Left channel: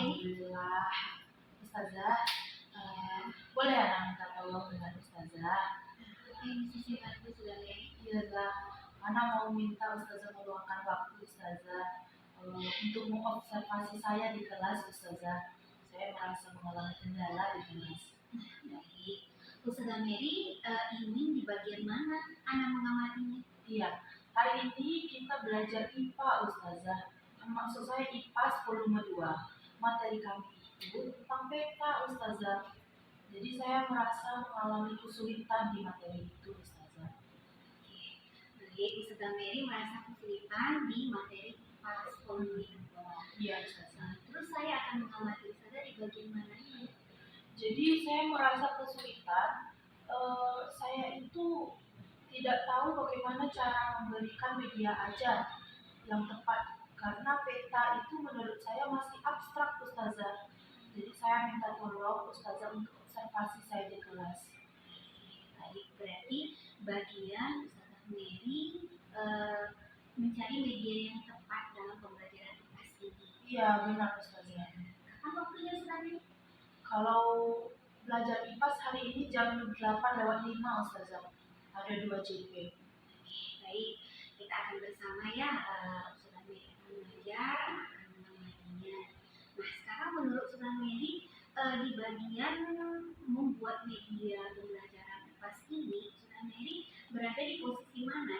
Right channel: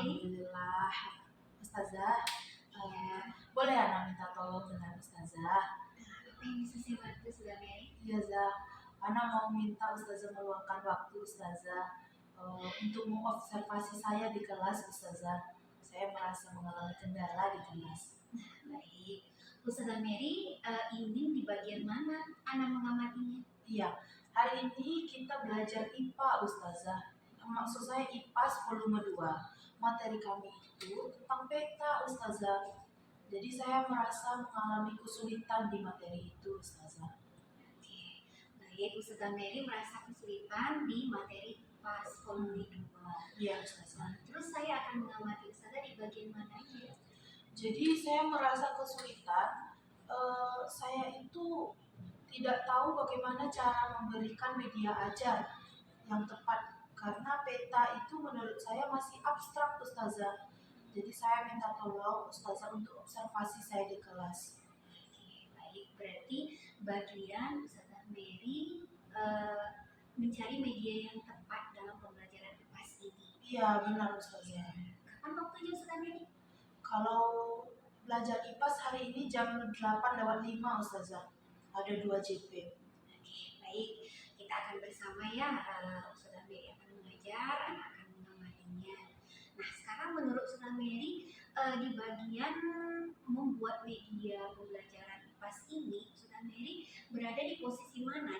Alhamdulillah. Ustazah, boleh anak minta tolong dengan Ustazah? Apa yang bisa saya bantu, Sudah Mary? Iya, Zah. Anak mau minta Ustazah meluangkan waktu Ustazah untuk mengobservasi saya di kelas Ustazah. Saya merasa mengalami kendala di kelas. Baik, Ustazah Mary, ini di bagian mana Ana mengamatinya? Iya, hari ini kita belajar IPA Ustazah. Maksud saya IPAS volume 2. Materi kami itu tentang peta Ustazah. Jadi saya merasa mengalami kesulitan di materi itu Ustazah. Oke, baik, Ustazah Mary merasa kesulitan di materi IPAS volume 2. Iya Ustazah. Terus saya akan mengamati Ustazah di bagian mana ya? Jadi saya merasa kesulitan. Saya itu tidak tahu bagaimana cara memberikan media ajar yang tepat karena peta itu menurut saya masih abstrak Ustazah. Jadi saya minta tolong Ustazah untuk observasi saya di kelas. Baik, berarti bagian Ustazah Mary mencari media yang tepat dalam pembelajaran IPAS ini. Iya benar Ustazah. Kapan waktunya Ustazah Mary? Kalau belajar IPAS hari ini jam 8:05 Ustazah. Ada 2 JP. Oke, baik, kita akan bersama ya. Ustazah Mary akan mengajar, anak akan mengamatinya. Nah, sekarang menurut Ustazah Mary di bagian membuat media pembelajaran IPAS ini, Ustazah Mary berada di posisi mana?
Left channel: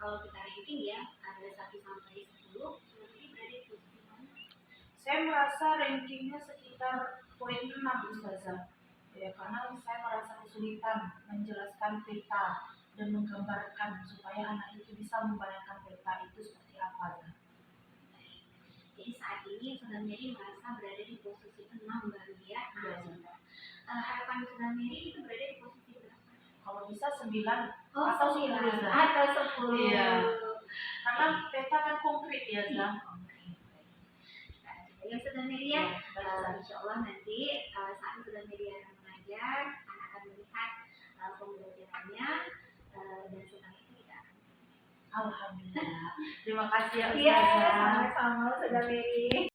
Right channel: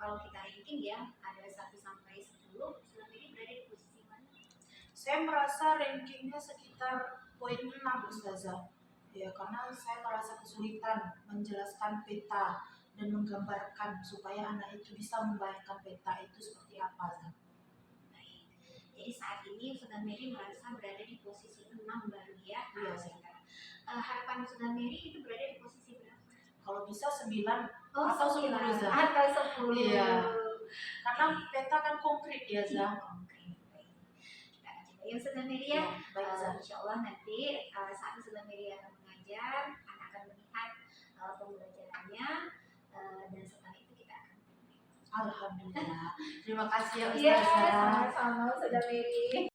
Kalau kita ranking ya, ada 1 sampai 10, Ustazah Mary berada di posisi mana? Saya merasa rankingnya sekitar poin 6 Ustazah. Ya, karena saya merasa kesulitan menjelaskan peta dan menggambarkan supaya anak itu bisa membayangkan peta itu seperti apa. Zah. Baik. Jadi saat ini Ustazah Mary merasa berada di posisi 6 baru ya. Iya, Zah. Harapan Ustazah Mary itu berada di posisi berapa? Kalau bisa 9 atau 10 Zah. Atau 10. Iya. Karena peta kan konkret ya Zah. Konkret. Baik. Kita aja ya Ustazah Mary ya. Baik, Zah. Insya Allah nanti saat Ustazah Mary akan mengajar, anak akan melihat pembelajarannya dan setelah itu kita akan. Alhamdulillah. Terima kasih ya Iya, Ustazah. sama-sama Ustazah Mary.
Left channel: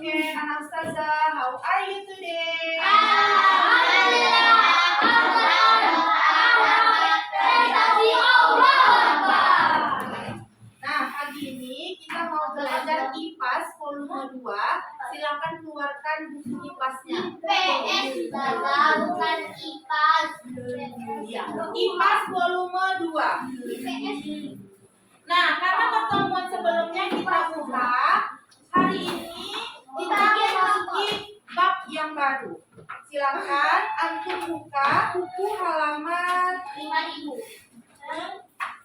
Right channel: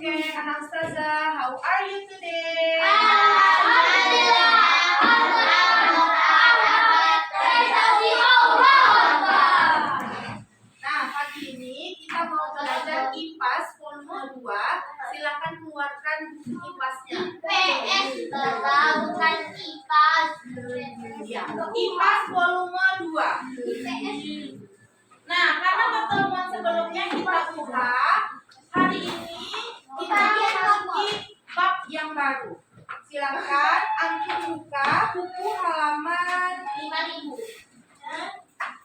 Okay, anak Ustazah, how are you today? Nah, pagi ini kita mau belajar IPAS volume 2. Silakan keluarkan buku IPAS-nya. Ya, IPAS volume 2. Nah, karena pertemuan sebelumnya kita buka, hari ini kita memasuki bab yang baru. Silakan antum buka buku halaman 5000.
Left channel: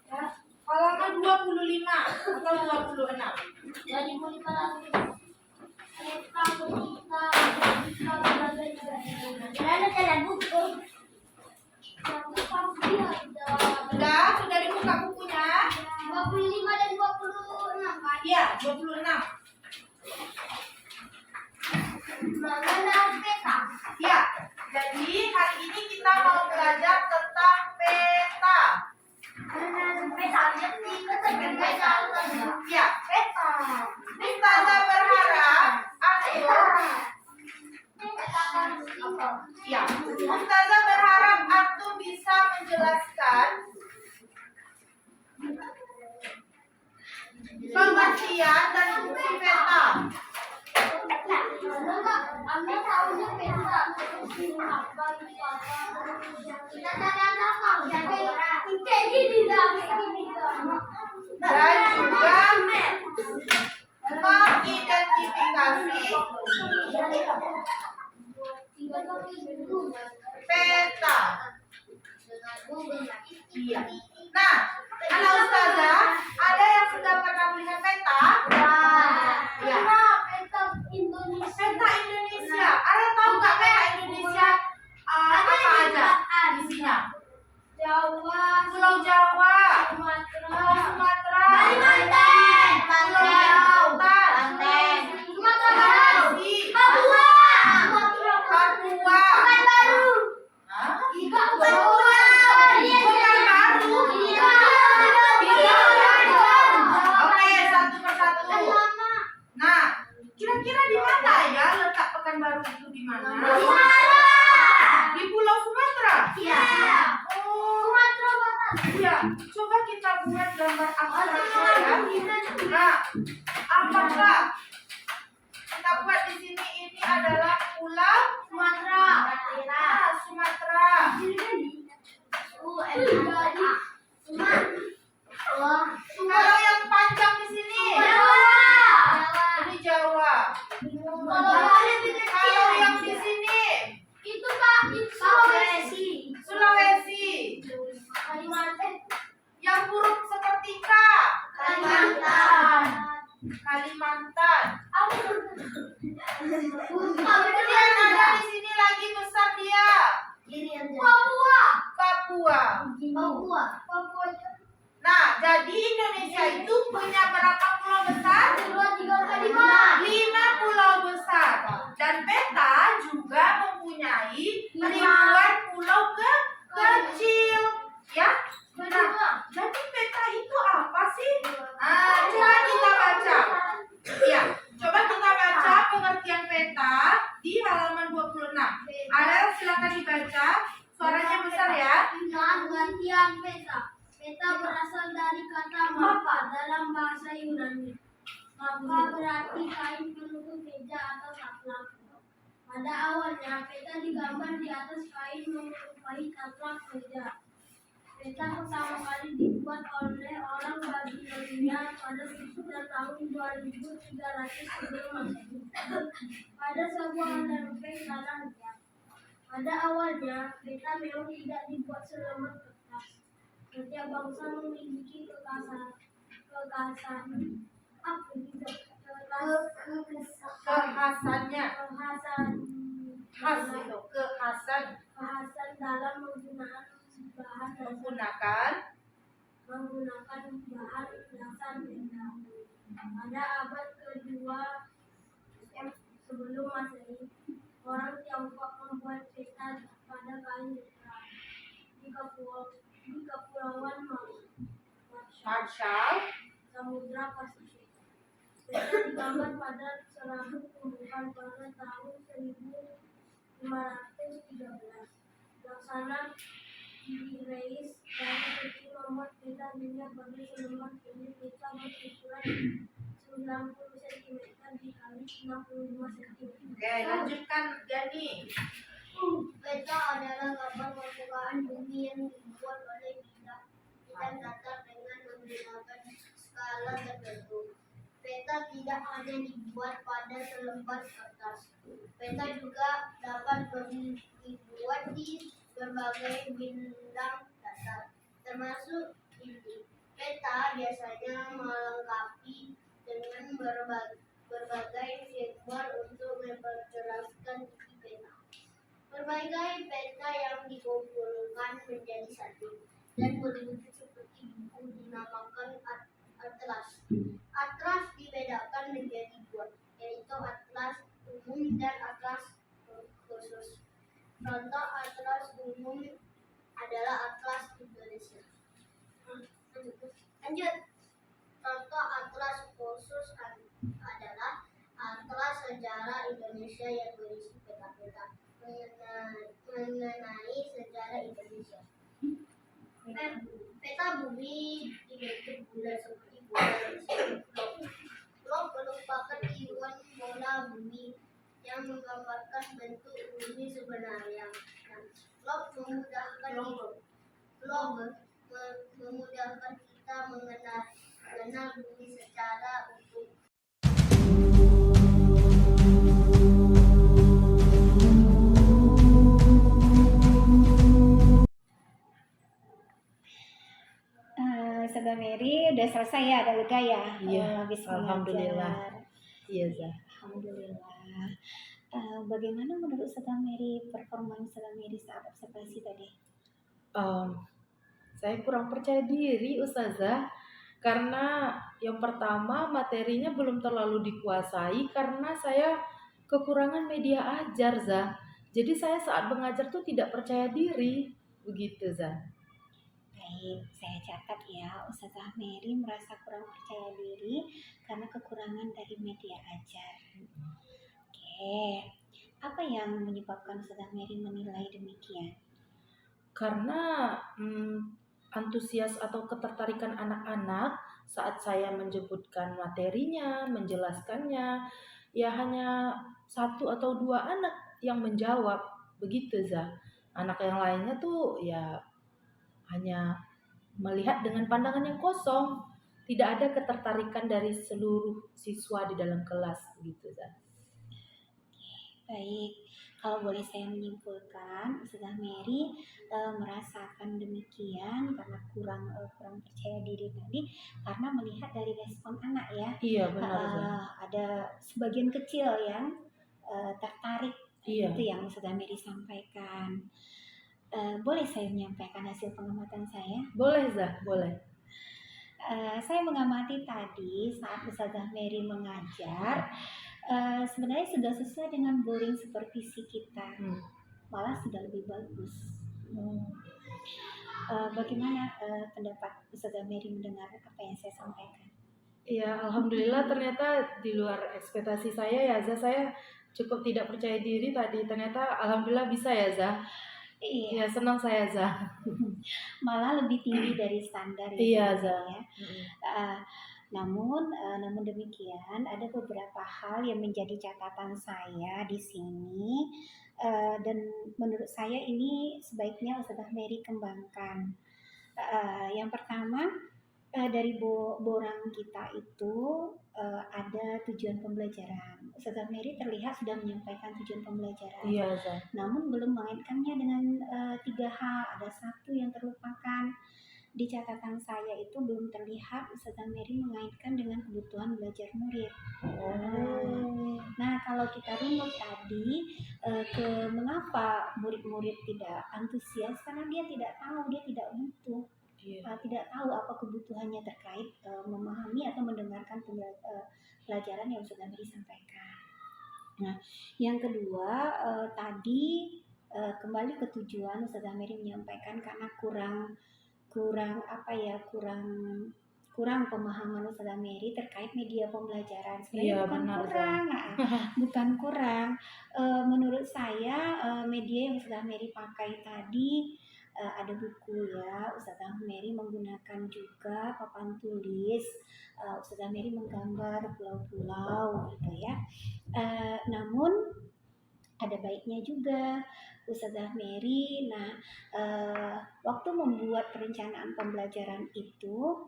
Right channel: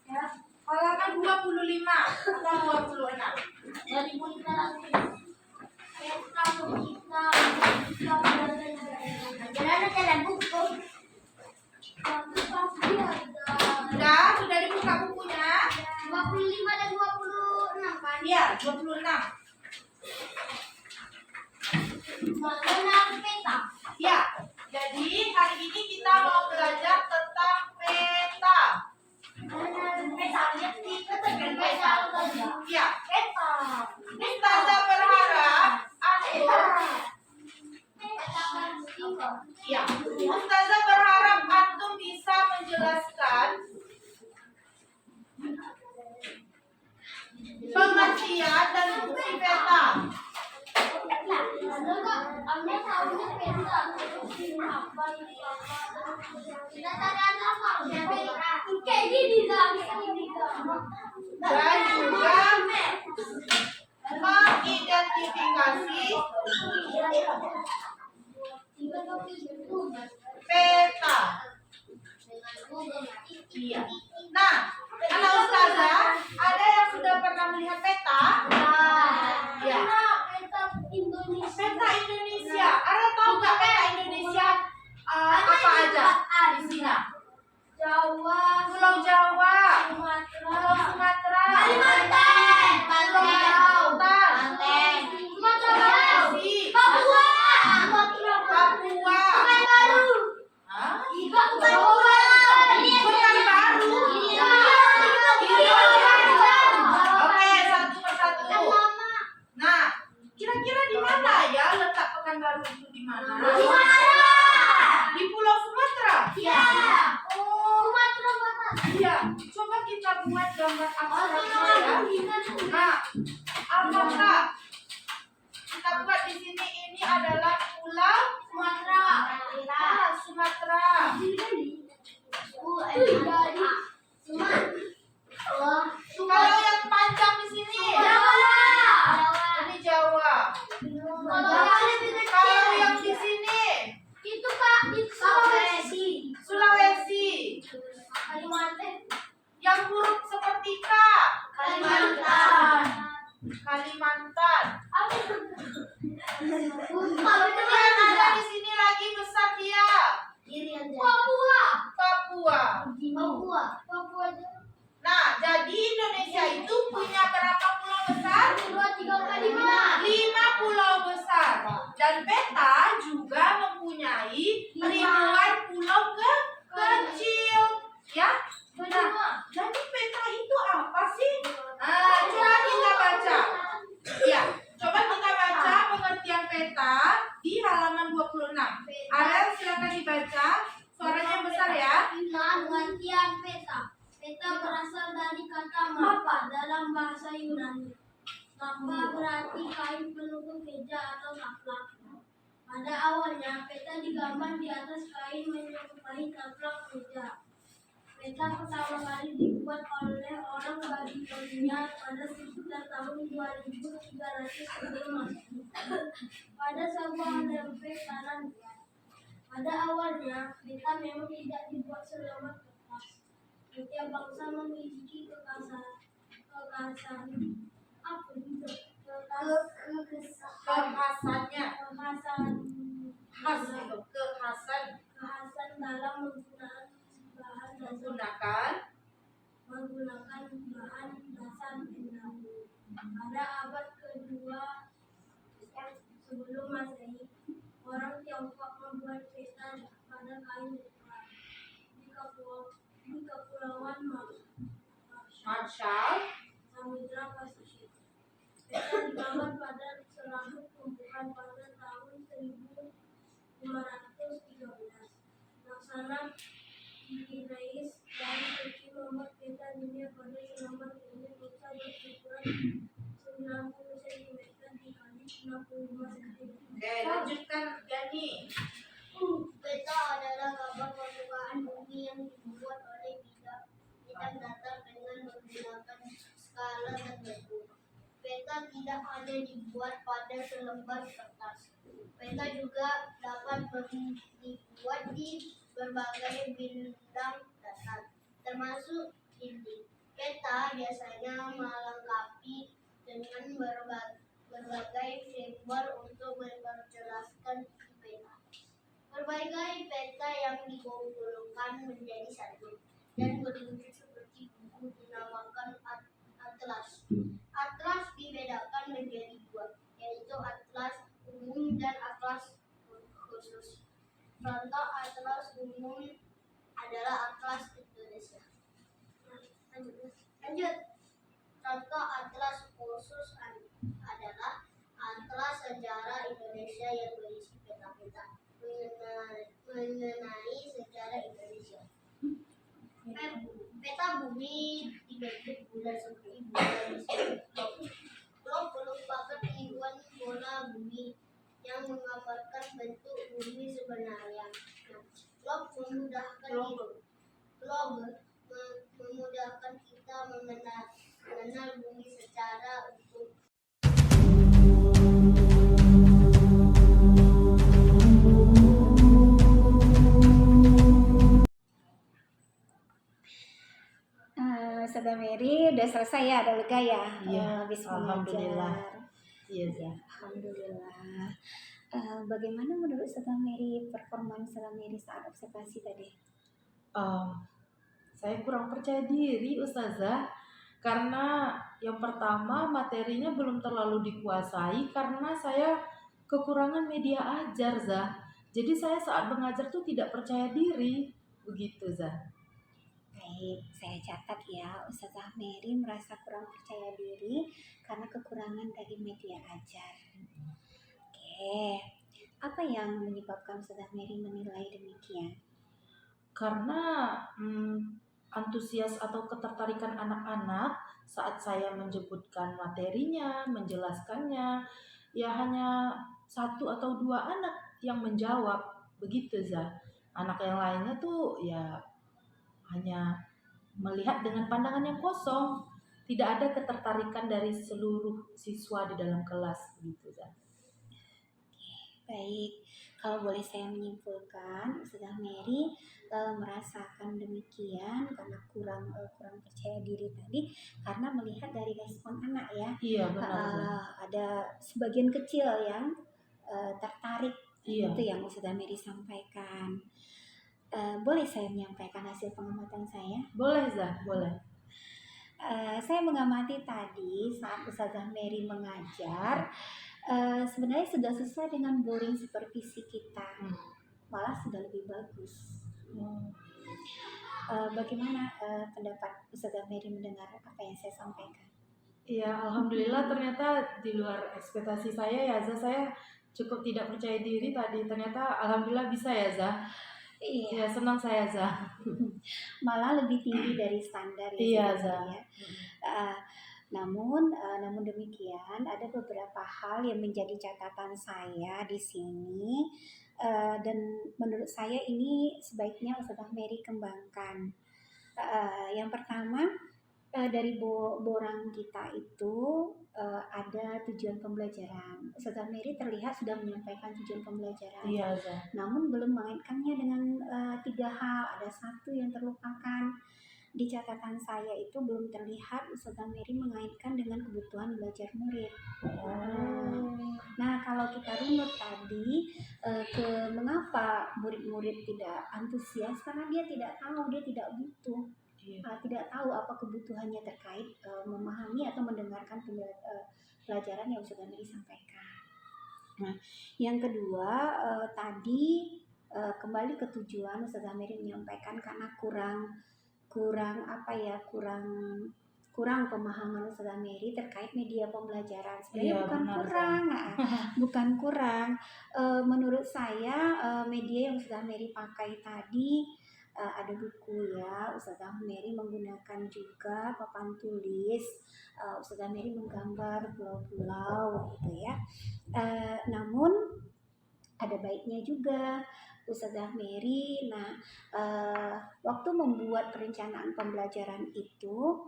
Ya, halaman 25 atau 26. Sudah dibuka bukunya? 25 dan 26 kan? Iya, 26. Mengenal peta. Ya, jadi hari ini kita mau belajar tentang peta. Mengenal peta. Peta. Ya, Peta. Ustazah berharap Ustazah berharap antum bisa menjelaskan pengertian dan fungsi peta. Anda tahunya peta. Kita tanyakan kayak gini kan? Dan juga mengidentifikasi peta. Iya. Nah, anak Ustazah, ada yang sudah pernah melihat peta? Ya. Peta Indonesia. Peta Indonesia. Ada tahu nggak peta Indonesia apa aja isinya? Jawa, Pulau Jawa, Sumatera, Pulau mana? Di Pulau Sumatera. Iya. Oh, Sumatera Barat. iya. Coba kita buat gambar abstraknya ya. Nah, apakah kita buat di sini ini adalah Pulau Sumatera. Sumatera. Kalau yang panjang di sini, ini Jawa. Kalau yang di sini, Sulawesi. Yang huruf seperti K, Kalimantan. Kemudian ada di sini lagi besar dia, Papua. Nah, jadi Indonesia itu punya berapa pulau besar? 5 pulau besar. Dan peta juga mempunyai ribuan pulau kecil. Ya. Nah, jadi peta itu apa sih? Coba kita baca. Ya, coba kita baca pengertian peta di halaman 26. Arel silakan dibaca. Suaranya besar ya. Pengertian peta. Peta berasal dari kata mapa dalam bahasa Yunani. Mapa berarti kain penutup meja atau taplak. Pada awalnya, peta digambar di atas kain menyerupai taplak meja. Peta pertama kali dibuat oleh orang Babilonia pada sekitar tahun 2300 sebelum Masehi pada sebuah lempeng tanah liat. Pada awalnya, peta memang tidak dibuat selembar kertas. Setiap bangsa memiliki Kekhasannya. Kekhasan dalam menggunakan bahan dasar peta. Pada abad kedua sebelum Masehi, orang Tiongkok membuat peta pada kain letter di kepulauan Marshall. Samudra Pasifik. Peta digambar pada serabut tumbuhan pada tahun 1513. Laksana Reis dari Turki membuat peta dunia pada selembar ini peta berukuran 90 cm dikali 65 cm. Oke, lanjutkan Yani. Peta adalah gambar permukaan bumi yang dibuat oleh bidang datar dengan menggunakan skala tertentu. Peta tidak hanya dibuat pada selembar kertas. Peta juga dapat dibuat di berbagai bidang datar, termasuk dinding. Peta biasanya melengkapi dengan berbagai simbol untuk memperjelaskan isi peta. Berbagai peta yang dikumpulkan menjadi satu dan berwujud seperti buku dinamakan atlas. Atlas dibedakan menjadi dua, yaitu atlas umum dan atlas khusus. Contoh atlas umum adalah atlas Indonesia. Lanjut. Contoh atlas khusus adalah atlas sejarah Indonesia yang berisi peta-peta mengenai sejarah Indonesia. Peta bumi dibentuk bulat seperti bola. Globe merupakan ion bola bumi yang menggambarkan bentuk bumi sebenarnya. Globe memudahkan kita mengenal bumi secara utuh. Saudara Mary udah selesai ya, ada lega ya? Iya, Habis alhamdulillah. mengajar. Iya, Zah. Alhamdulillah. Bagaimana menurut Saudara Mary performa Saudara Mary saat observasi tadi? Saya kurang percaya diri, Ustazah, karena yang pertama materinya belum terlalu dikuasai karena saya kekurangan media ajar, Zah. Jadi saya saat mengajar tuh tidak percaya diri, begitu, Zah. Baik, saya catat ya, Ustazah Mary merasa kurang percaya diri karena kekurangan dari media ajar. Oke, Apa yang menyebabkan Ustazah Mary menilai demikian? Karena antusias atau ketertarikan anak-anak saat saya menyebutkan materinya, menjelaskannya, ya hanya satu atau dua anak yang menjawab, begitu Zah. Anak yang lainnya tuh ya hanya melihat dengan pandangan yang kosong, tidak ada ketertarikan dari seluruh siswa di dalam kelas, begitu Zah. Baik, kalau boleh saya menyimpulkan, Ustazah Mary merasakan demikian karena kurang percaya diri tadi karena melihat dari respon anak ya. Iya benar Zah. Ada sebagian kecil yang tertarik, Iya. itu yang Ustazah Mary sampaikan. Boleh saya menyampaikan hasil pengamatan saya? Boleh Zah, boleh. Saya mengamati tadi saat Ustazah Mary mengajar, sebenarnya sudah sesuai dengan boring supervisi kita, malah sudah lebih bagus. Bagaimana pendapat Ustazah Mary mendengar apa yang saya sampaikan? Iya, alhamdulillah ternyata di luar ekspektasi saya ya Zah. Saya cukup tidak percaya diri tadi, ternyata alhamdulillah bisa ya Zah. Iya, Ya senang saya Zah. malah lebih tinggi dari standar ya. Iya sebenarnya Zah. ya. Namun demikian ada beberapa hal yang menjadi catatan saya di sini, dan menurut saya ini sebaiknya Ustazah Mary kembangkan. Yang pertama, dari borang kita itu ada tujuan pembelajaran. Ustazah Mary terlihat sudah menyampaikan tujuan pembelajaran, Iya Zah. namun belum mengaitkannya dengan 3 hal. Ada satu yang terlupakan. Di catatan saya itu belum terlihat Ustazah Mary mengaitkan dengan kebutuhan belajar murid. Nah, kalau kita runut tadi ke mengapa murid-murid tidak antusias, karena dia tidak tahu, dia tidak butuh, tidak tahu apa kebutuhannya terkait memahami atau mendengarkan pelajaran yang Ustazah Mary sampaikan. Nah, yang kedua tadi kembali ke tujuan, Ustazah Mary menyampaikan karena kurang pemahaman Ustazah Mary terkait media pembelajaran. Sebenarnya bukan kurang. Menurut saya media yang Ustazah Mary pakai tadi ada buku ya. Ustazah Mary menggunakan juga papan tulis. Ustazah Mary menggambar pulau-pulau gitu ya. Namun ada baiknya juga Ustazah Mary. Nah, waktu membuat perencanaan pembelajaran itu,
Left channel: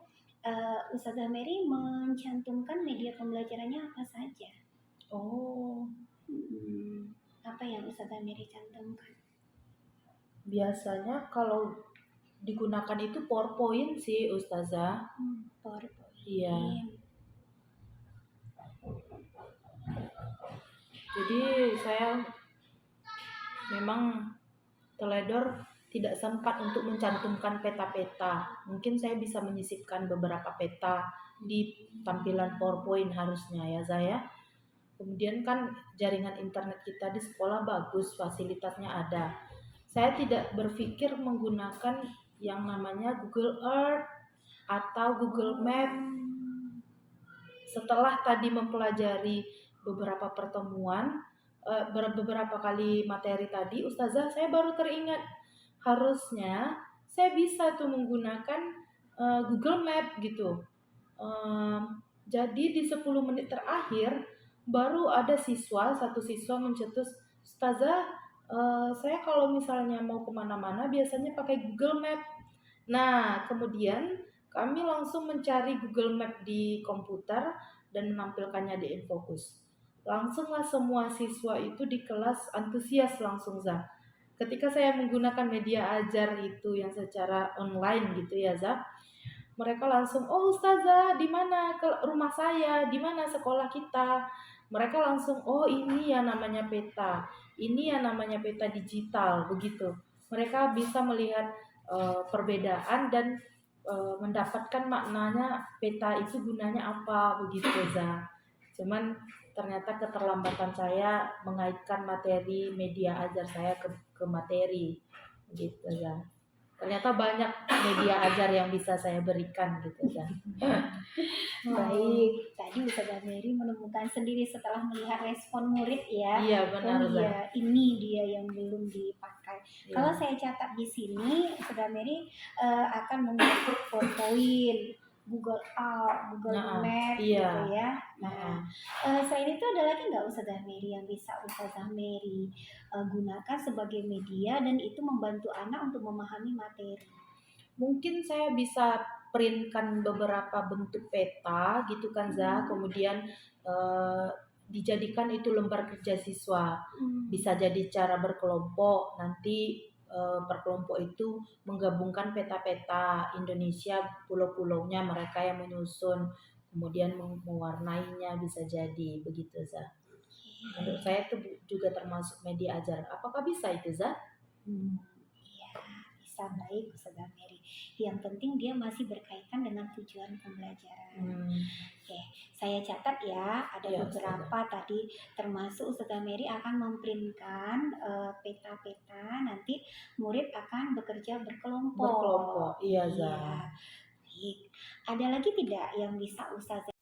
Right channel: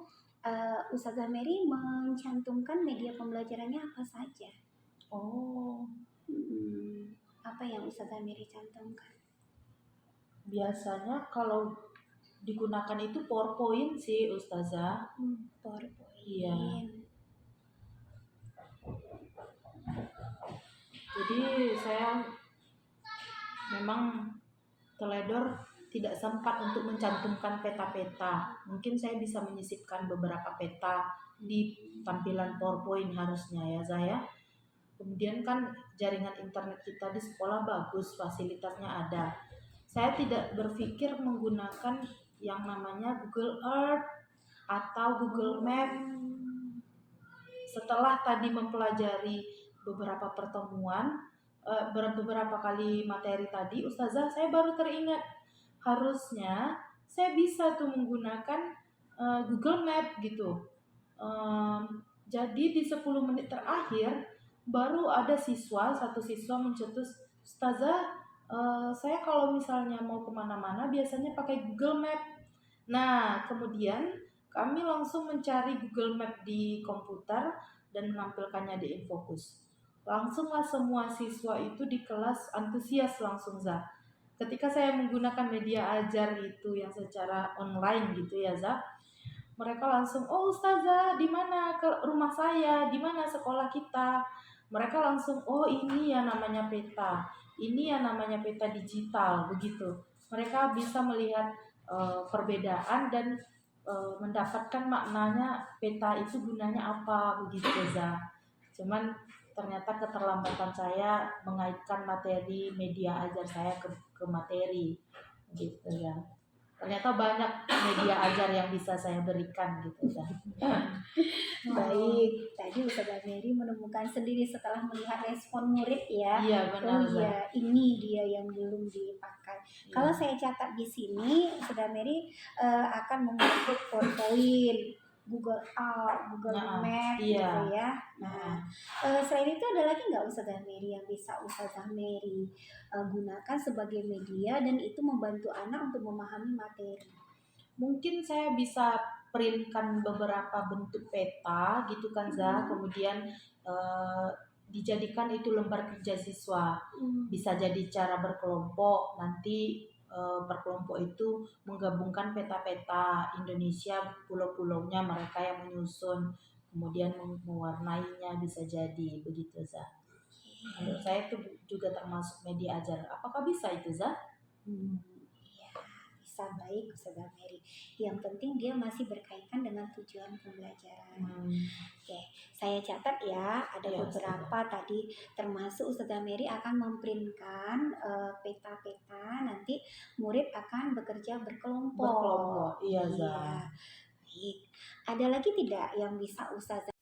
Ustazah Mary mencantumkan media pembelajarannya apa saja. Apa yang Ustazah Mary cantumkan? Biasanya kalau digunakan itu PowerPoint sih Ustazah. PowerPoint. Iya. Jadi saya memang teledor tidak sempat untuk mencantumkan peta-peta. Mungkin saya bisa menyisipkan beberapa peta di tampilan PowerPoint harusnya ya Zah. Kemudian kan jaringan internet kita di sekolah bagus, fasilitasnya ada. Saya tidak berpikir menggunakan yang namanya Google Earth atau Google Map. Setelah tadi mempelajari beberapa pertemuan, beberapa kali materi tadi, Ustazah, saya baru teringat harusnya saya bisa tuh menggunakan Google Map gitu. Jadi di 10 menit terakhir baru ada satu siswa mencetus, Ustazah, saya kalau misalnya mau kemana-mana biasanya pakai Google Map. Nah, kemudian kami langsung mencari Google Map di komputer dan menampilkannya di InFocus. Langsunglah semua siswa itu di kelas antusias langsung Zah. Ketika saya menggunakan media ajar itu yang secara online gitu ya Zah, mereka langsung, oh Ustazah, di mana ke rumah saya, di mana sekolah kita. Mereka langsung, oh ini yang namanya peta, ini yang namanya peta digital, begitu. Mereka bisa melihat perbedaan dan mendapatkan maknanya peta itu gunanya apa, begitu Zah. Cuman ternyata keterlambatan saya mengaitkan materi media ajar saya ke materi gitu ya. Ternyata banyak media ajar yang bisa saya berikan gitu Zah. Baik, tadi Ustazah Mary menemukan sendiri setelah melihat respon murid ya. Iya benar Oh Zah. iya, ini dia yang belum dipakai. Iya. Kalau saya catat di sini, Ustazah Mary akan membentuk PowerPoint, Google Out, Google Nah, Map iya. gitu ya. Nah, selain itu ada lagi nggak Ustazah Mary yang bisa Ustazah Mary gunakan sebagai media dan itu membantu anak untuk memahami materi? Mungkin saya bisa printkan beberapa bentuk peta gitu kan Zah, kemudian dijadikan itu lembar kerja siswa. Bisa jadi cara berkelompok, nanti per kelompok itu menggabungkan peta-peta Indonesia, pulau-pulaunya mereka yang menyusun, kemudian mewarnainya, bisa jadi begitu Zah. Menurut saya itu juga termasuk media ajar. Apakah bisa itu Zah? Iya, bisa, baik Ustazah Mary. Yang penting dia masih berkaitan dengan tujuan pembelajaran. Oke, saya catat ya, ada Iya, beberapa tadi, termasuk Ustazah Mary akan memprintkan peta-peta, nanti murid akan bekerja berkelompok. Berkelompok, iya Zah. Iya, baik. Ada lagi tidak yang bisa Ustazah